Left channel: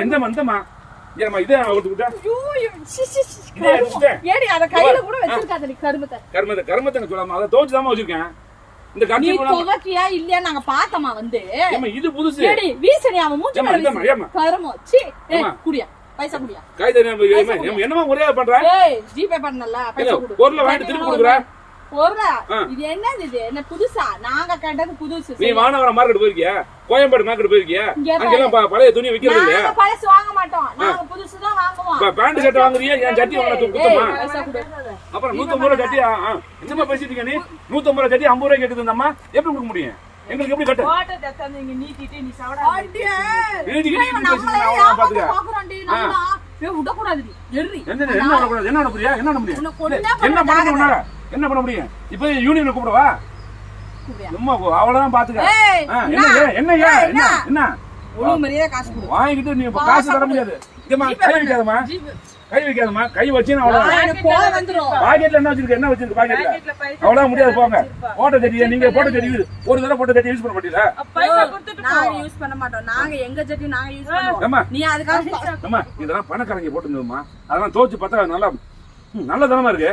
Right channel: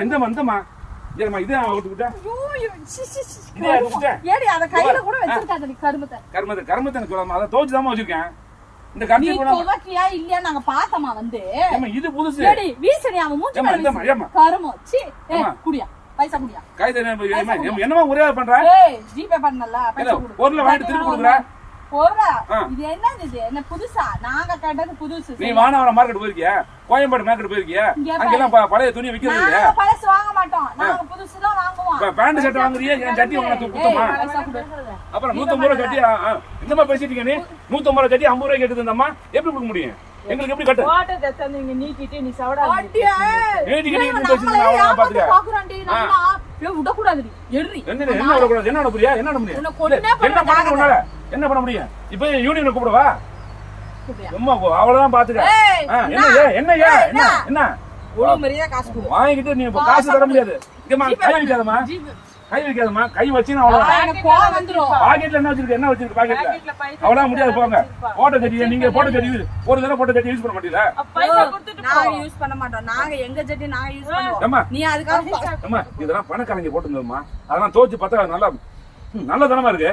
இந்தமா இதே அவுத்துக்கிட்டேன். கருமத்தை அதை துவச்சுதான் வச்சிருக்கேன். இந்த துவக்கியா இல்லையா நாங்க பார்த்தோமா வந்து இது புதுசு பைசா குடியா என்னமா முறையா பண்ற ஜிபே பண்ணல பொருளை வாங்கிட்டு திருப்பி கொடுக்குற இது என்னது இது என்ன புதுசா நாங்க கேட்டது புதுசு. நீ வானவரம் மார்க்கெட் போயிருக்கியா, கோயம்பேடு மார்க்கெட் போயிருக்கியா? அங்கெல்லாம் பழைய துணி விக்கிறது இல்லையா? பழசு வாங்க மாட்டோம், நாங்க புதுசு தான் வாங்குவோம். Pant shirt வாங்குறியா? என் சட்டி உங்களுக்கு குத்துமா? அப்புறம் 150 ரூபாய் சட்டி என்னமா பேசிட்டீங்க நீ? 150 ரூபாய் சட்டி 50 ரூபாய் கேக்குது அம்மா, எப்படி கொடுக்க முடியும்? எங்களுக்கு எப்படி கட்ட ஓட்ட தந்தீங்க நீட்டிட்டு நீ சவடா நீதிக்கு நீ பேசுறீங்க பாத்துக்க. விட கூடாது. என்ன விட கூடாது? என்ன விட முடியா? என்ன விட முடியும்? என்ன பண்ண முடியும்? இப்ப யூனியன் கூப்பிடவா? சும்மா அவ்வளவுதான் பாத்துக்க. என்ன வாங்கிட்டு நீ காசு தர முடியாது. கை வைக்காதமா, கை வச்சு பாக்கெட்ல என்ன வச்சிருக்க? என்ன வச்சிருக்க பாக்கெட்ல? அவ்வளவு முடியாது போங்க. போட்டோ தெரியுது, நீங்க போட்டோ தெரியுது. ஒரு தடவை போட்டோ தெரியும் யூஸ் பண்ண மாட்டீங்களா? நாங்க யூஸ் பண்ண மாட்டோம். நாங்க எங்க ஜெட்டி நாங்க யூஸ் பண்ணுவோம். நீ அதுக்காக இதெல்லாம் பணக்காரங்க போட்டுருந்தோம்மா, அதெல்லாம் தோச்சு பார்த்தா நல்லா நல்ல தரமா இருக்கு.